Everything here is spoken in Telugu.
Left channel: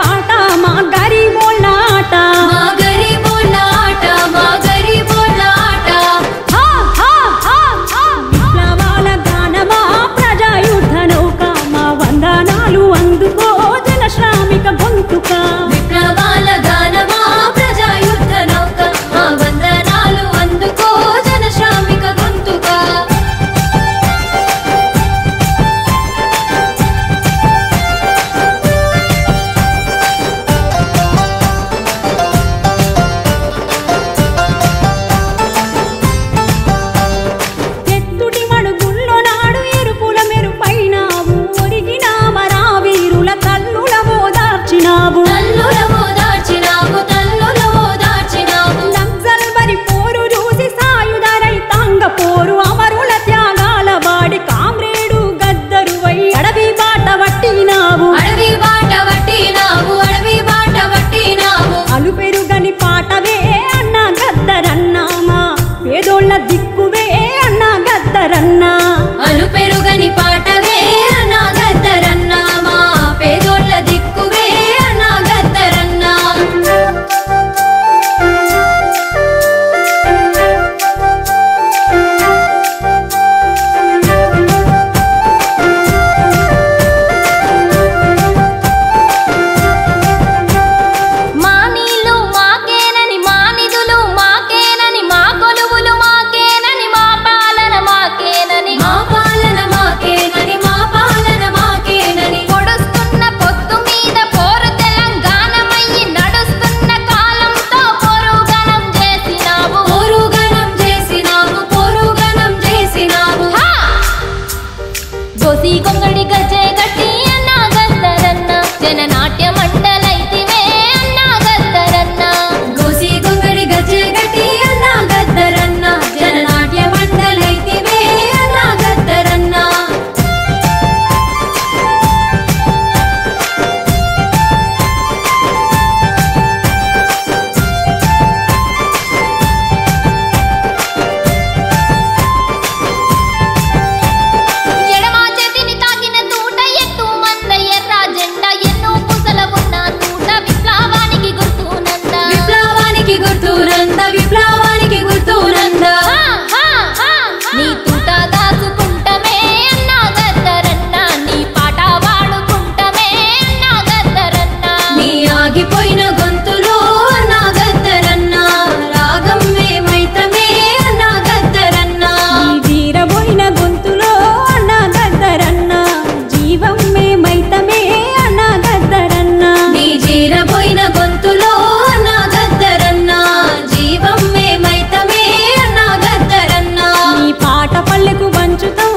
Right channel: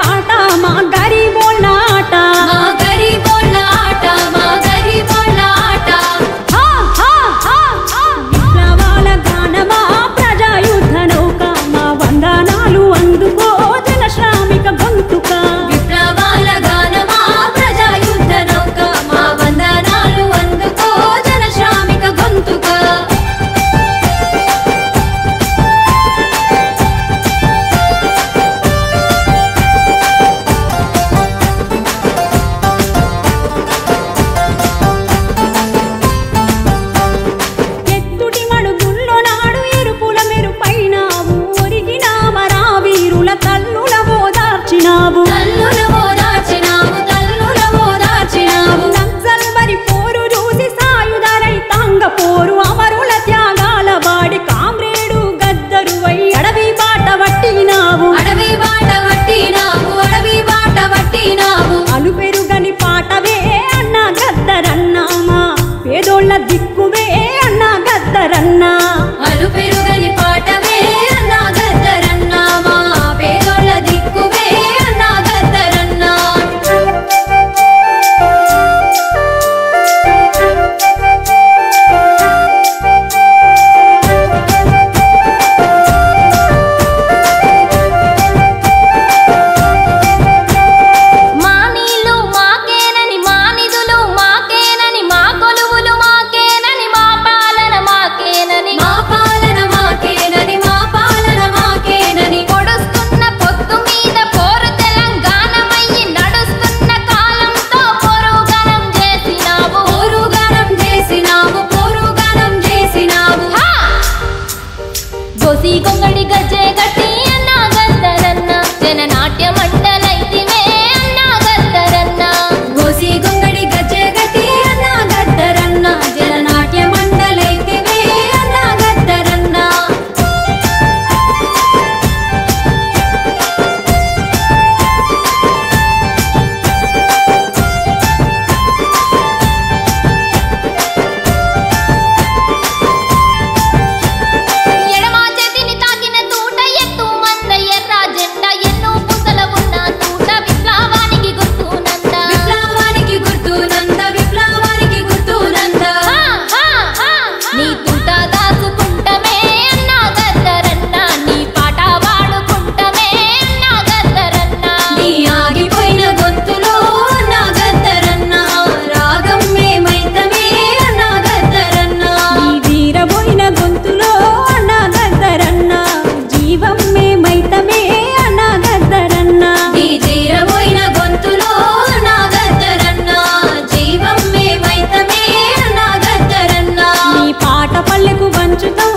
పాట మా గరీబోళ్ళ ఆట విప్లవాల గానమా ప్రజాయుద్ధ నౌక మా వందనాలు అందుకో జన శ్రామిక గొంతుక తల్లుల ఓదార్చినావు నక్సల్బరి పోరు చూసి సాయుధ రైతాంగ పోరు అమరుల త్యాగాల వాడి కామ్రేడు గద్దరువై అడవి బాట పట్టినావు అలు పెరుగని పాటవే అన్న గద్దరన్నామా పేదోళ్ళ దిక్కువే అన్న గద్దరన్నా అలు పెరుగని పాటవే అన్న గద్దరన్నామా పేదోళ్ళ దిక్కువే అన్న గద్దరన్నా మా నీళ్ళు మాకేనని మా నిధులు మాకేనని మా కొలువులు మాకేనని మా పాలన మాకేనని పొడుస్తున్న పొత్తు మీద పోరు తెలంగాణమయ్యి నడుస్తున్న కాలంతో పోరుగణం చేసినావు గోసి గొంగడి గజ్జె గట్టి అన్నా గద్దరన్న జననాట్య మండలైతివే అన్నా గద్దరన్న గోసి గొంగడి గజ్జె గట్టి అన్నా గద్దరన్న జననాట్య మండలైతివే అన్నా గద్దరన్న ఎడమా చేతిని తాకిన తూట ఎత్తు మంద ఎర్ర జెండా ఎన్నో పూసల ఉన్న తూట విప్లవానికి గుర్తునంద నీ తూట దాచుకుంటమే అన్నా గద్దరన్న నీ పాట వాడుకుంటమే అన్నా గద్దరన్న నీ ఆగిపోయిన గొంతులో అన్నా గద్దరన్న రాగం మేమైతమే అన్నా గద్దరన్న నీ వీరబోయిన గొంతులో అన్నా గద్దరన్న జీవం మేమైతమే అన్నా గద్దరన్న నీ జీరబోయిన గొంతులో అన్నా గద్దరన్న జీవం మేమైతమే అన్నా గద్దరన్న నీ పాట పల్లెకు వంచుతాం